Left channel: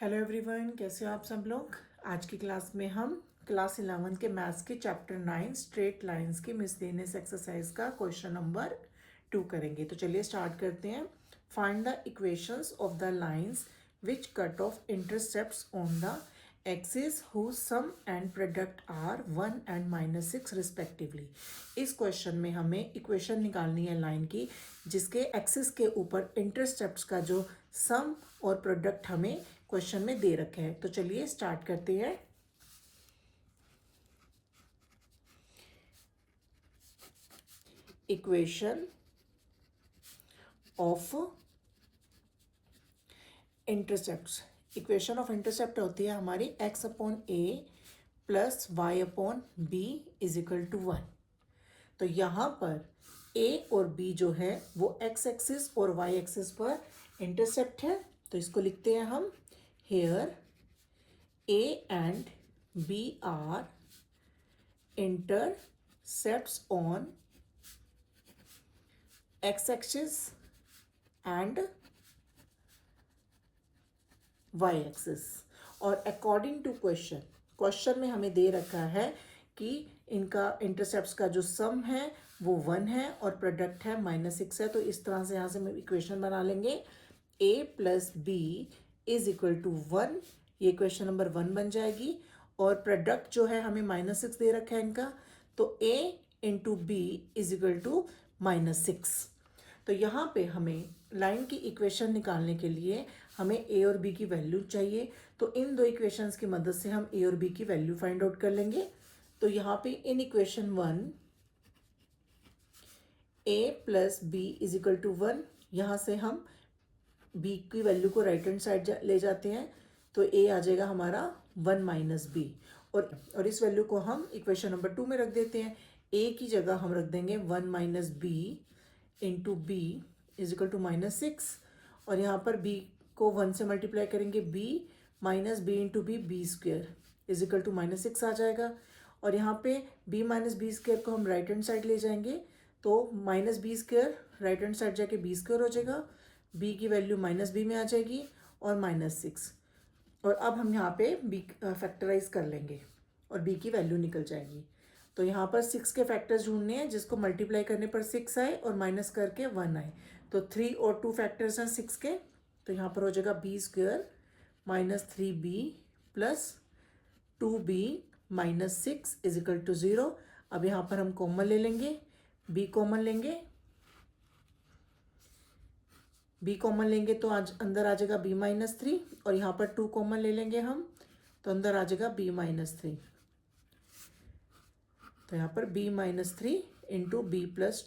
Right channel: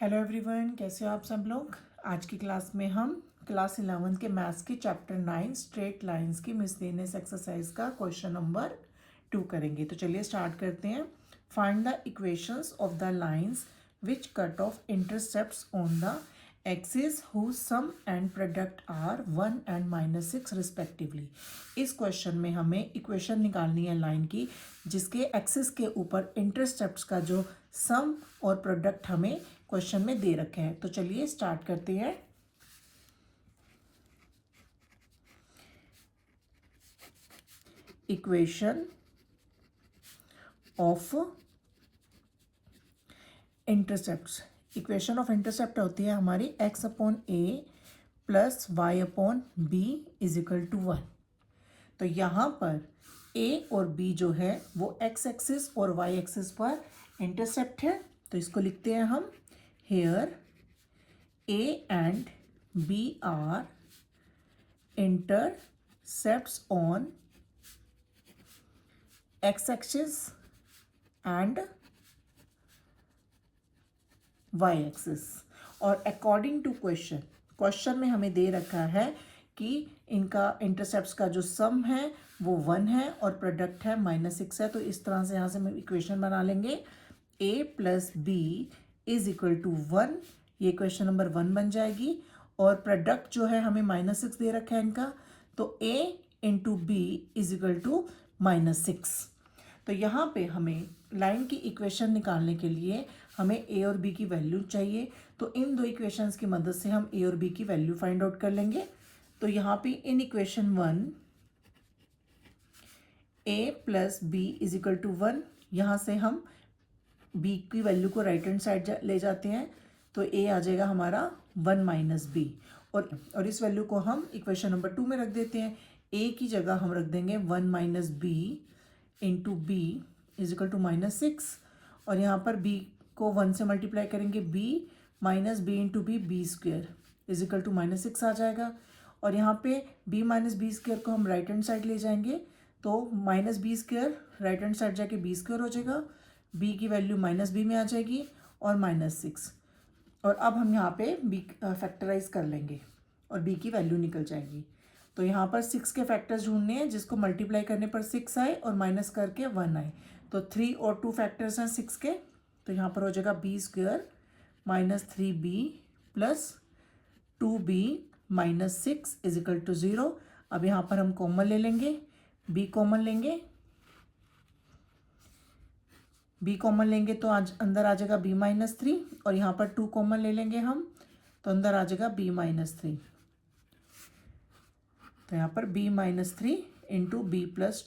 Hello everyone, कैसे हो आप सब लोग। आज की क्लास में हम क्लास 11 के मैथ्स के चैप्टर 9 स्ट्रेट लाइंस की मिसलेनियस एक्सरसाइज का क्वेश्चन नंबर 2 करेंगे। तो चलिए स्टार्ट करते हैं। Find the equations of the lines which cut off intercepts on the axis whose sum and product are 1 and -6 respectively. इस क्वेश्चन में हमें इक्वेशन निकालनी है लाइन की जिसके एक्सिस के ऊपर इंटरसेप्ट्स का जो सम और प्रोडक्ट हमें क्वेश्चन में दे रखे हैं। तो चलिए स्टार्ट करते हैं। Equation of intercepts. Equation of intercept होती है हमारी x upon a plus Y upon B is equal to 1। तो यहाँ पर a और b जो है वो x एक्सिस और y एक्सिस पर इंटरसेप्ट है। तो इसको लिखते हैं हम hair a and b are intercepts on x-axis and y-axis। और अकॉर्डिंग टू क्वेश्चन में हमें दे रखा है कि इनका इंटरसेप्ट्स का जो सम है वो 1 है और प्रोडक्ट है -6 है। तो इस तरह से यहाँ से हम इक्वेशन बना लेंगे a plus B is equal to 1। ये क्वेश्चन नंबर 1 बन जाएगी। और प्रोडक्ट जो है हमें -6 दे रखा है इनका, तो a into B is equal to -6। तो यहाँ पे हमें लाइन की इक्वेशन निकालने के लिए हमें a और b की वैल्यू चाहिए। तो इन दो इक्वेशंस की मदद से हम a और b की वैल्यू फाइंड आउट कर लेंगे। तो यहाँ पे in equation 1 a plus B is equal to 1, यहाँ से हम b की वैल्यू को राइट हैंड साइड ले जाते हैं। तो a आ जाएगा हमारा 1 माइनस बी, और इस वैल्यू को हम इक्वेशन नंबर 2 में रख देते हैं। a की जगह हम रख देंगे 1 minus B into B is equal to -6, और यहाँ पर b को 1 से मल्टीप्लाई करेंगे b minus B into B square is equal to -6 आ जाएगा। और यहाँ पे b माइनस बी स्क्वेयर को हम राइट हैंड साइड ले जाएंगे, तो minus B square right hand side जाके बी स्क्वेयर हो जाएगा, b की वैल्यू माइनस बी में आ जाएगी और -6। और अब हम यहाँ पे b फैक्टराइज कर लेंगे और b की वैल्यू निकल जाएगी। तो यहाँ पर 6 के फैक्टर्स ढूंढने हैं जिसको मल्टीप्लाई करने पर 6 आए और माइनस करके 1 आए। तो 3 और 2 फैक्टर्स हैं 6 के, तो यहाँ पर हो जाएगा B square minus 3b plus 2b minus 6 is equal to 0। अब यहाँ पर हम कॉमन ले लेंगे, b कॉमन लेंगे, b कॉमन लेंगे तो आज अंदर आ जाएगा b माइनस 3, और यहाँ पर 2 कॉमन ले लेंगे हम तो अंदर आ जाएगा b माइनस 3। तो यहाँ पर b minus 3 into B plus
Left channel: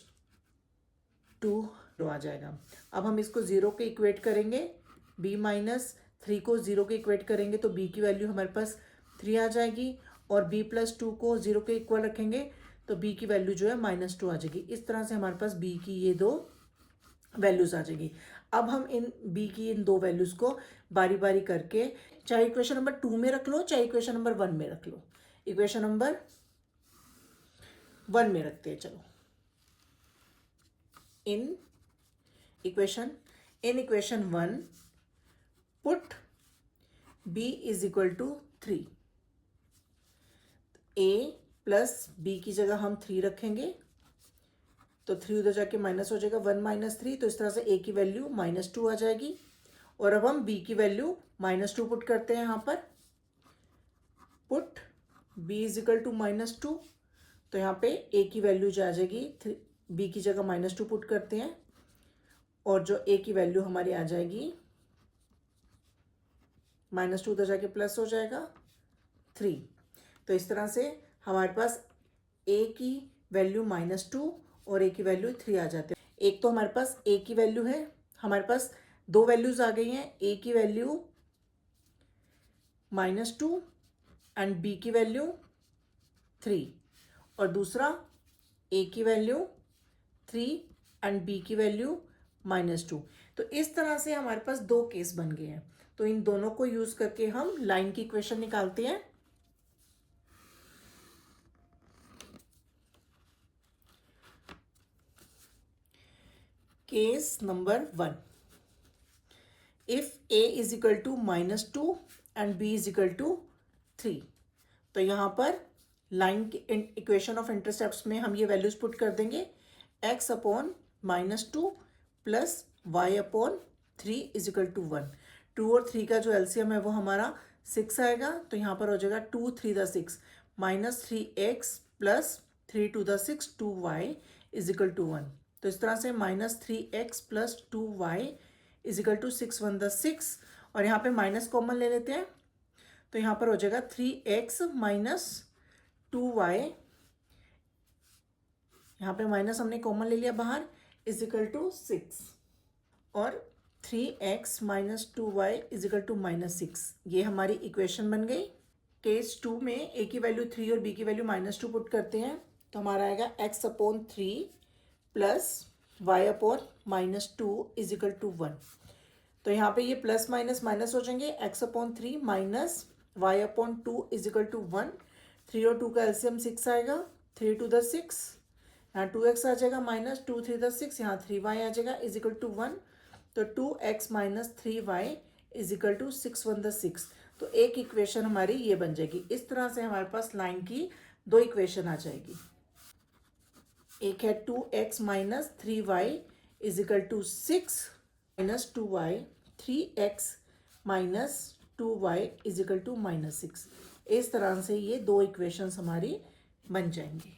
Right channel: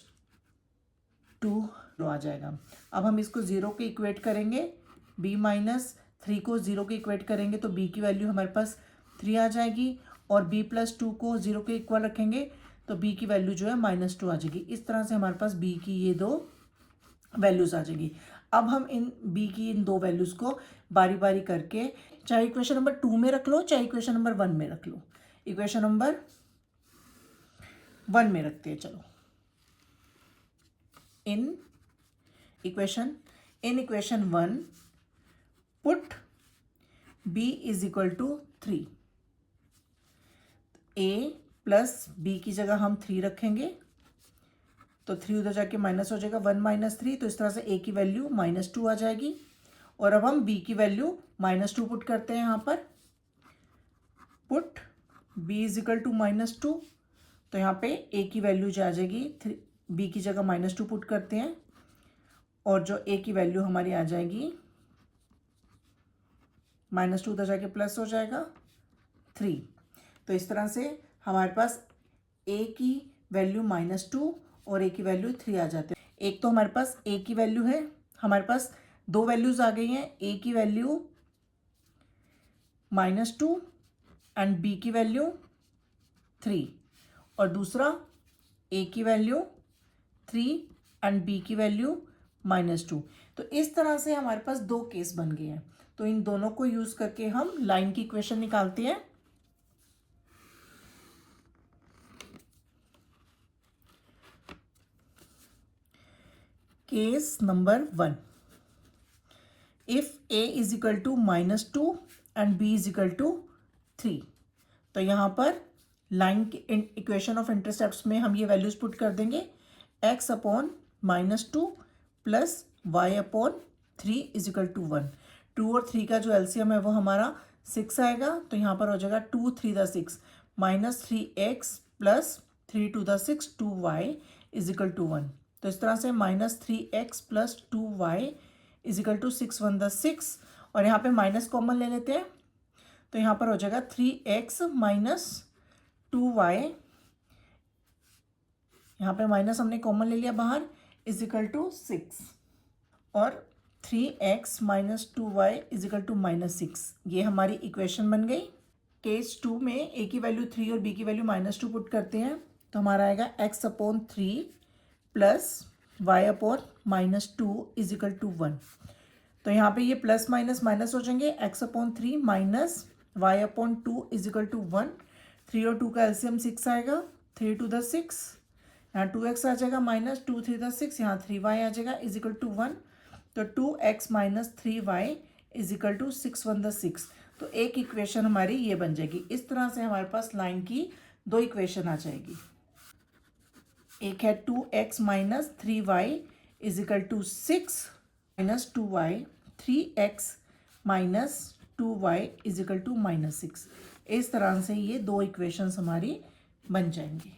2 आ जाएगा। अब हम इसको 0 के इक्वेट करेंगे, b माइनस 3 को 0 के इक्वेट करेंगे तो b की वैल्यू हमारे पास 3 आ जाएगी, और b प्लस 2 को 0 के इक्वल रखेंगे तो b की वैल्यू जो है -2 आ जाएगी। इस तरह से हमारे पास b की ये दो वैल्यूज आ जाएगी। अब हम इन b की इन दो वैल्यूज को बारी बारी करके, चाहे इक्वेशन नंबर 2 में रख लो चाहे इक्वेशन नंबर 1 में रख लो, इक्वेशन नंबर 1 में रखते हैं। चलो in equation 1 put b is equal to 3। a plus B की जगह हम 3 रखेंगे तो 3 उधर जाके माइनस हो जाएगा, 1 माइनस 3, तो इस तरह से a की वैल्यू -2 आ जाएगी। और अब हम b की वैल्यू -2 पुट करते हैं यहाँ पर, put b is equal to -2। तो यहाँ पे a की वैल्यू जो आ जाएगी, b की जगह -2 पुट करते हैं और जो a की वैल्यू हमारी आ जाएगी -2 उधर जाके प्लस हो जाएगा 3। तो इस तरह से हमारे पास a की वैल्यू -2 और a की वैल्यू 3 आ जाते हैं। एक तो हमारे पास a की वैल्यू है, हमारे पास दो वैल्यूज आ गई हैं, a की वैल्यू -2 एंड b की वैल्यू 3, और दूसरा a की वैल्यू 3 एंड b की वैल्यू -2। तो इस तरह से हमारे पास दो केस बन गए हैं। तो इन दोनों को यूज करके हम लाइन की इक्वेशन निकालते हैं। Case number 1, if a is equal to -2 and b is equal to 3। तो यहाँ पर लाइन के इक्वेशन ऑफ इंटरसेप्ट्स में हम ये वैल्यूज पुट कर देंगे, x upon -2 plus y upon 3 is equal to 1। 2 और 3 का जो एलसीएम है वो हमारा 6 आएगा, तो यहाँ पर हो जाएगा 2 3 the 6 -3x plus 3 to the 6 2y is equal to 1। तो इस तरह से -3x plus 2y is equal to 6 1 the 6, और यहाँ पे माइनस कॉमन ले लेते हैं, तो यहाँ पर हो जाएगा 3x माइनस 2y, यहाँ पे माइनस हमने कॉमन ले लिया बाहर, इज इक्वल टू 6, और 3x minus 2y is equal to -6। ये हमारी इक्वेशन बन गई। केस 2 में a की वैल्यू 3 और b की वैल्यू -2 पुट करते हैं, तो हमारा आएगा x upon 3 plus y upon -2 is equal to 1। तो यहाँ पे ये प्लस माइनस माइनस हो जाएंगे, x upon 3 minus y upon 2 is equal to 1। 3 और 2 का एलसीएम 6 आएगा, 3 टू द 6, यहाँ 2x आ जाएगा माइनस 2 3 द 6, यहाँ 3y आ जाएगा इज इक्वल टू 1। तो 2x minus 3y is equal to 6 1 the 6। तो एक इक्वेशन हमारी ये बन जाएगी। इस तरह से हमारे पास लाइन की 2 इक्वेशन आ जाएगी। एक है 2x minus 3y is equal to 6 minus 2y, 3x minus 2y is equal to -6। इस तरह से ये 2 इक्वेशंस हमारी बन जाएंगी।